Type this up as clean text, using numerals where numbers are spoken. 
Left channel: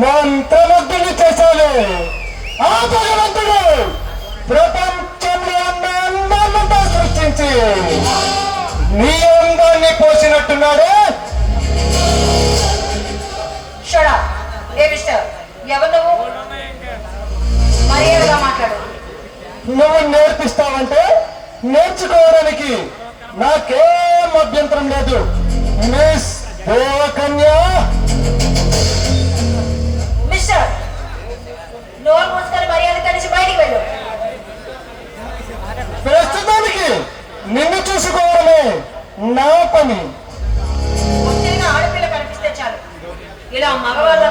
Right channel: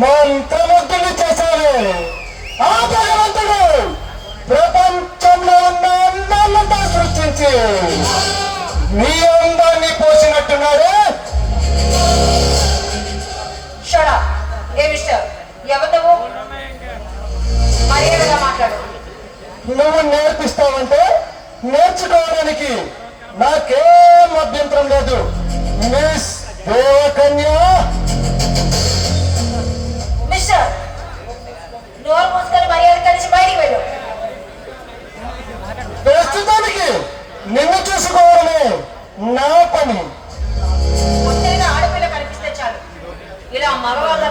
మంత్రముగ్ధులు చేశావే ఆ భగవంతుడు ప్రపంచంలో ఉన్న అందాలతో సృష్టించి నీ అందాన్ని పోసినట్టున్నాడే. నువ్వు నేర్పిస్తావంటే నేర్చుకోవడానికి నాకేం అభ్యంతరం లేదు. మిస్ దేవకన్య, ప్రస్తుతానికి నిన్ను చూసుకోవడమే నా పని. ఆడపిల్ల కనిపిస్తే చాలు ఇలా మగవాళ్ళ